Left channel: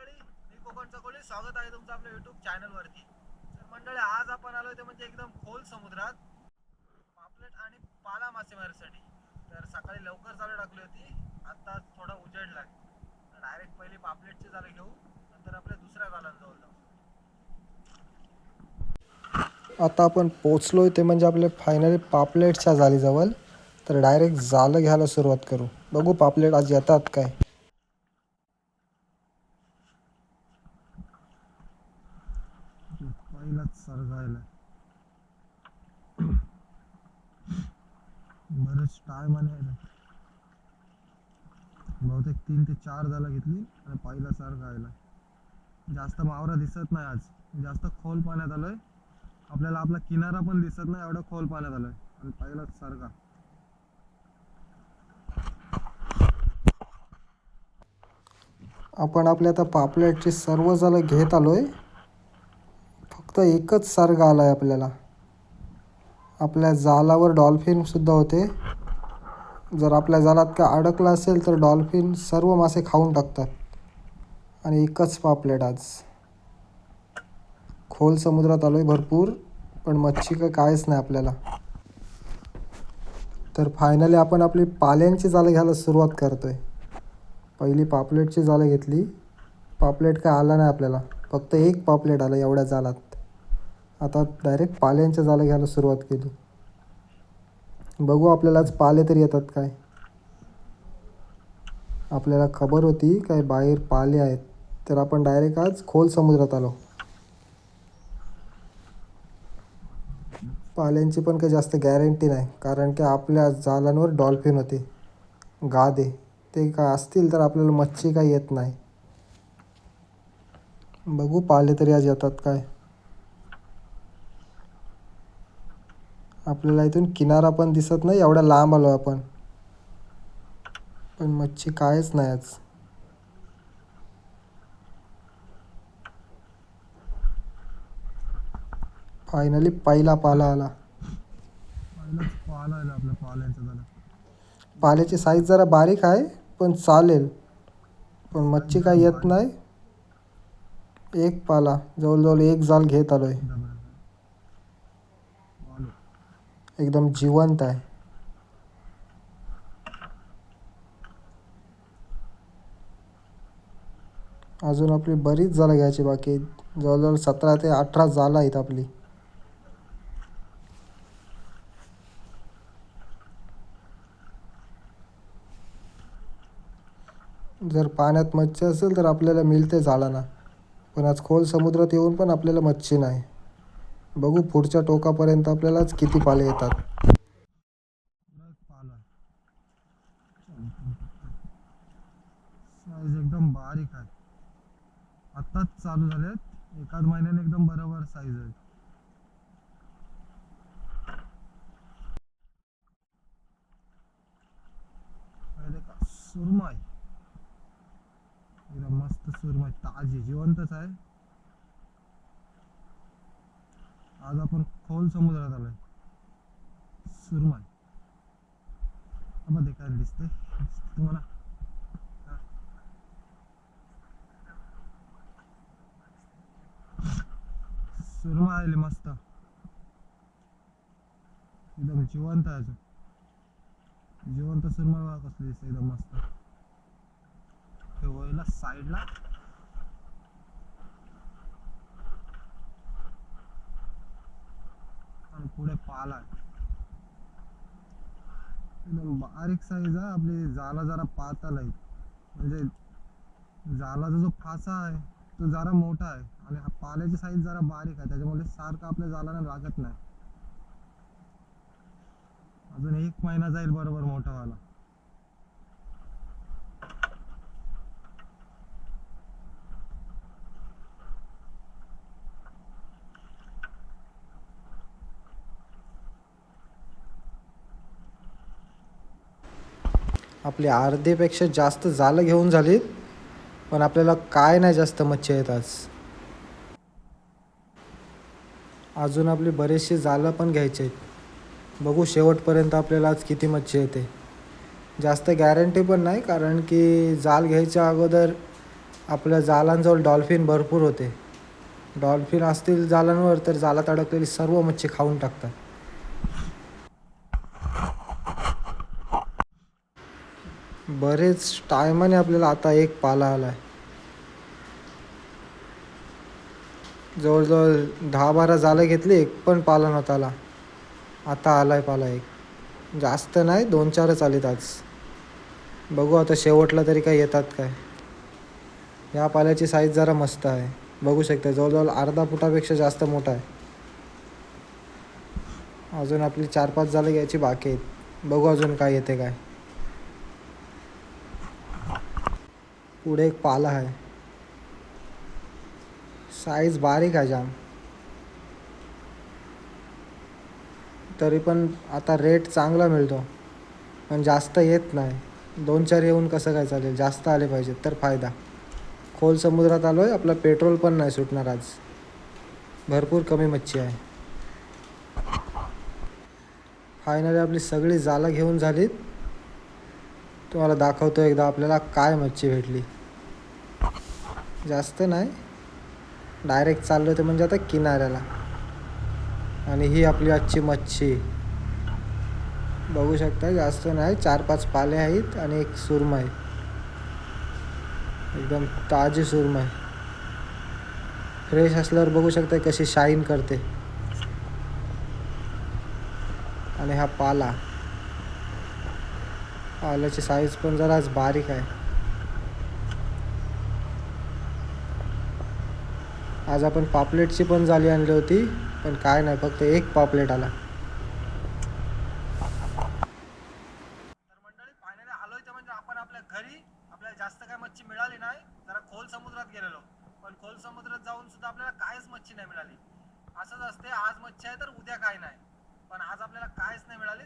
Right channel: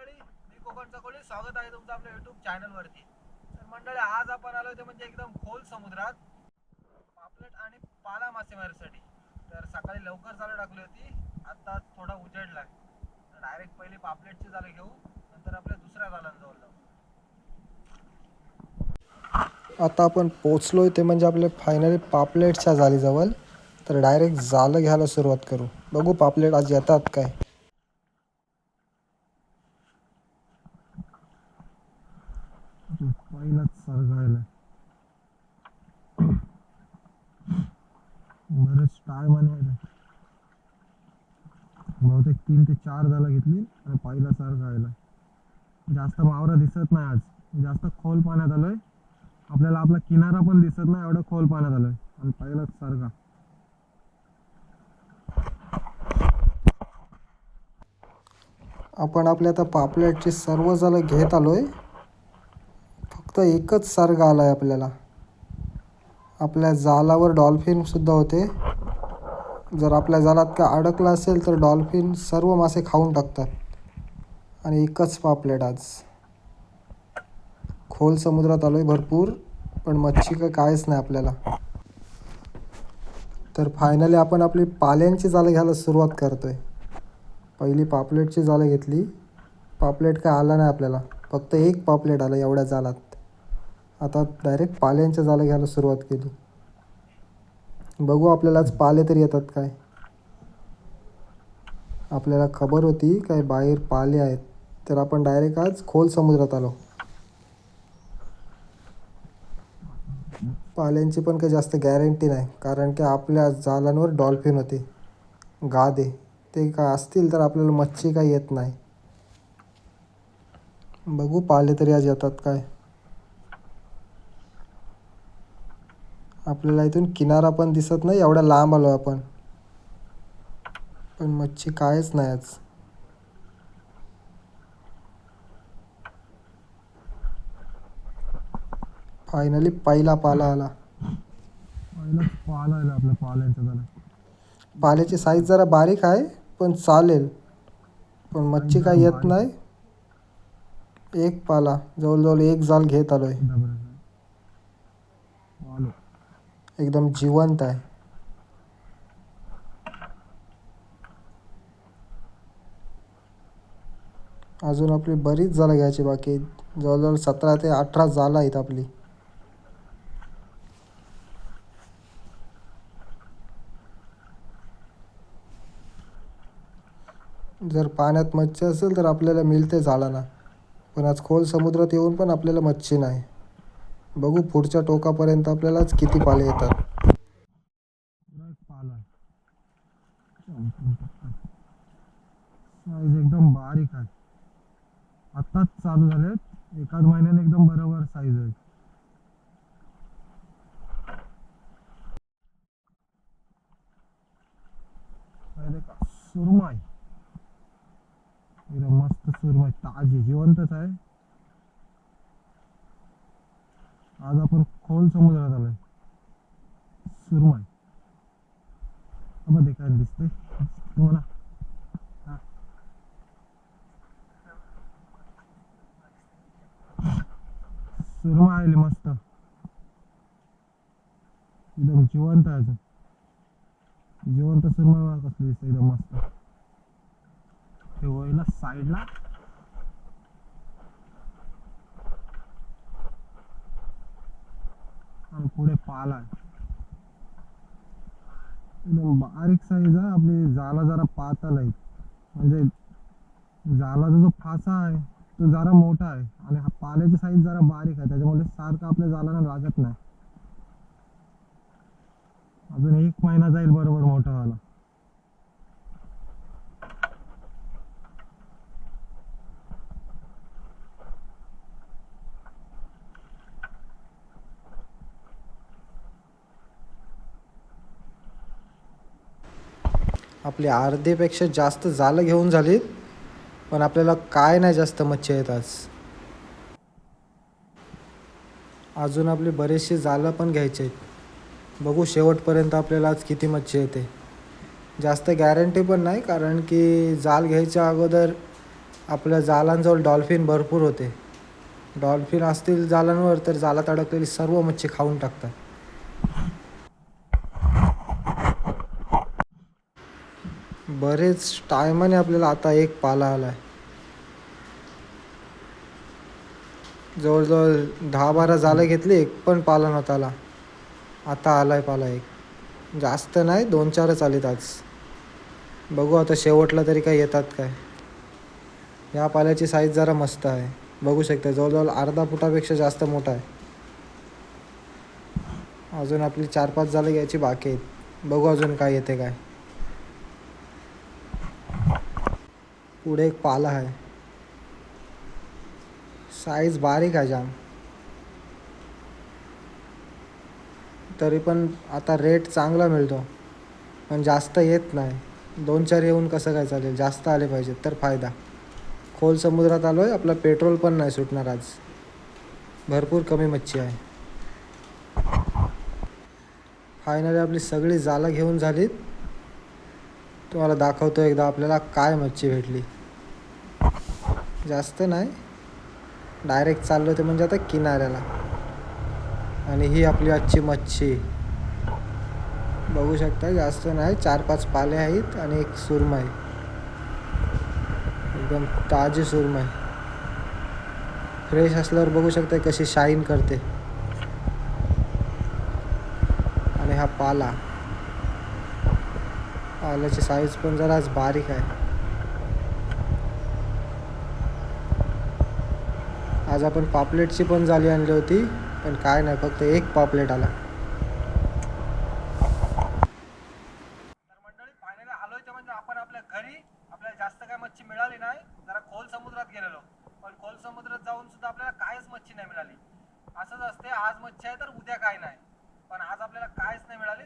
मंडळी, मी कोकणचा कोळी. स्वागत आहे तुमचं आपल्या युट्यूब चॅनलवरती. तर मंडळी, आज आपण आलोय ते म्हणजे एकदम खोल समुद्रात पापलेट आणि पाला मासेमारीसाठी. तर सकाळी लवकर जाळं टाकली होती, आता थोडा उजेडलाय. तर डायरेक्ट पहिली पापलेटची जाळे घेऊ, नंतर आपल्या दुसऱ्या जाळ्यांजवळ जाऊ. आता आपण पोचलोय ते म्हणजे आपले फायनली पापलेटच्या जाळीजवळ. तर डायरेक्ट जाळं घ्यायला सुरुवात करू. बघू पापलेट आज येतात काय. पहिलाच सरगायला बरेच टाइम आणि बहुतेक 3 ते 4 जाळं घेतली आणि पहिला सरगायला. जास्त वावरं दिसत नाही आज, जास्त खोल पाण्यात आलोय. आपल्याला आपला किनारा पण दिसत नाही, एवढं खोल पाण्यात आलोय आणि पहिलाच सरगा. आपण आपल्या आता पापलेटची सर्व जाळं घेत आलोय. फक्त एकच सर्ग आलाय आपल्याला. आपल्या जाळावर डॉल्फिन सुद्धा होते. जर आपल्या जाळात का अडकला असेल तर डॉल्फिन सर्व मासे खाऊन टाकतात. आणि एकच पापलेट आज. खोल समुद्रात आलोय भरपूर, पण मच्छी काहीच नाही आपल्याला. तर फायनली आपण आपली पाल्यांची जाळं घ्यायला सुरुवात करतोय. पहिली पापलेटची जाळं घेतली. पापलेट काय आला नाही आपल्याला, फक्त एक पापलेट आलं एवढ्या जाळात. आता डायरेक्ट पाल्यांच्या जाळं घ्यायला सुरुवात केली. बघू आपल्याला आज पाले तरी येतात काय. आपल्याला खबर होती काय बाहेर पाले आहेत, तर आपण डायरेक्ट आज खोल समुद्रात आलो. पाल्यांची पण काही जास्त गॅरंटी नाही, कारण की आपल्या जाळांवर डॉल्फिन होते, गादे. ते काय असतील तर आपल्याला मच्छी काही येत नाही. बघू पाले तरी आज येतात काय. आपल्याला इथून किनारा पण दिसत नाही, एवढ्या लांब आलो आपण, पण मच्छी कायच नाही आज. फायनली पहिला पाला आला. पाल्याची साईज जरा बारीक आहे, पण चालेल. पण मच्छी काय येत नाही. एक पाला, जवळजवळ एक जाळ घेत आलोय. एकदम जिवंत आहे. अजून आपली बरीच जाळं घ्यायची बाकी आहेत. जवळजवळ 17 ते 18 जाळं आहेत आपली. जर पाण्यात मच्छी असेल तर आपल्याला मिळते जाळांना, पण आज खोल समुद्रात येऊन पण आपल्याला मच्छी नाही. बघू पुढच्या टोकापर्यंत आपल्यालाच किती पाले येतात. साईज एकदम बारीक आहे, आताच चालू झालेत. एकाच महिन्याने एकदम बरोबर साईज आहे. सुरमई एकदम मस्त, सुरमई ताजी जिवंतच आहे. आज आपण खोल समुद्रात आलोय. सुरमई देखायला दिसते तुम्हाला. सुरमई आली मस्त, एकदम जिवंत आहे. अजून जिवंत सुरमई कसली दिसते, एकदम मस्त. ते वळला साईडला. आणि पुढे पाला आहे. एकदम बारीक साईज आहे. आपली जाला जरा पातळ आहे, म्हणजे जालाचा जो फासा आहे तो जरा मोठा आहे आणि हा पाल्याची साईज जरा बारीक आहे, त्याच्यामुळे सारखं आपल्या जालांना लागत नाही. अजून 1 महिना जाईल बरोबर मोठा व्हायला. आपली अर्धेपेक्षा जास्त जाळं घेऊन झालीत, पण आपल्याला काय नाही जास्त मच्छी येत आज. अजून आपली बरेचशी जाळं पण घ्यायची आहेत. बघू शेवटपर्यंत आपल्याला आज किती मच्छी येते. जास्त गॅरंटी पण नाही, कारण की जाळ घ्यायच्या अगोदर आपल्या जालांजवळ डॉल्फिन भरपूर होते. डॉल्फिन असतील जालांवर तर जालात अडकलेली सर्व मच्छी खाऊन टाकतात. बरेच टायमाने आपल्याला आता एक पाला आला आहे. जवळजवळ 10-12 जालं घेतली, एक पण पाला नव्हता आला. आता आला आहे पाला एक. जास्त नाही, 2-4च आलेत आज. बघू आता शेवटला तरी काय येतात काय. या पाल्याची साईज जरा मस्त आहे. बघू शकता जवळजवळ अर्धा फुटापेक्षा जास्त मोठा आहे. अजून आपली 4-5 जाळं घ्यायची बाकी आहेत. बघू अजून काय येते काय. पुढे एक पाला आहे. साईज बारीक आहे जाम. तरी पण आता रेट चांगला मिळतो, पण जास्त येत नाही. 2-4 येऊन कसं काय चालेल, जास्त आले पाहिजेत तर फायदा. खोल समुद्रात आलो आहे, आपला पेट्रोल पण नाही सुटणार आज. भरपूर कमी मच्छी आहे. फायनली आपली सगळी जाळं घेऊन झालीत. तुम्हाला दाखवतो एकदा आपल्याला काय मच्छी भेटली. जास्त नाही, डायरेक्ट चाललो ते म्हणजे आता किनाऱ्याला. आणि ही आपली आजची मच्छी. बघू शकता जास्त नाही, 4-5 पाले आहेत आणि एक सुरमई. एकदम ताजी सुरमई. फ्रेश असल्यावर बघू शकता कशी शाईन करते. आणि हा पाला. पाल्याची साईज पण जरा बारीक आहे. आज आपण पापलेटची पण जाळी आणली होती, पण काय नाही, फक्त एक पापलेट आला. मंडळी फायनली आलोय ते म्हणजे आपण आपल्या घरी. आपल्याला जास्त काय मच्छी मिळाली नाही, जरा खोल समुद्रात गेलेलो, पण खोल समुद्रात जाऊन सुद्धा आपल्याला काहीच मच्छी नाही मिळाली. असंच असते, आज मच्छी आहे तर उद्या काय नाही, पण आज आपल्याला काहीच नाही मिळाली.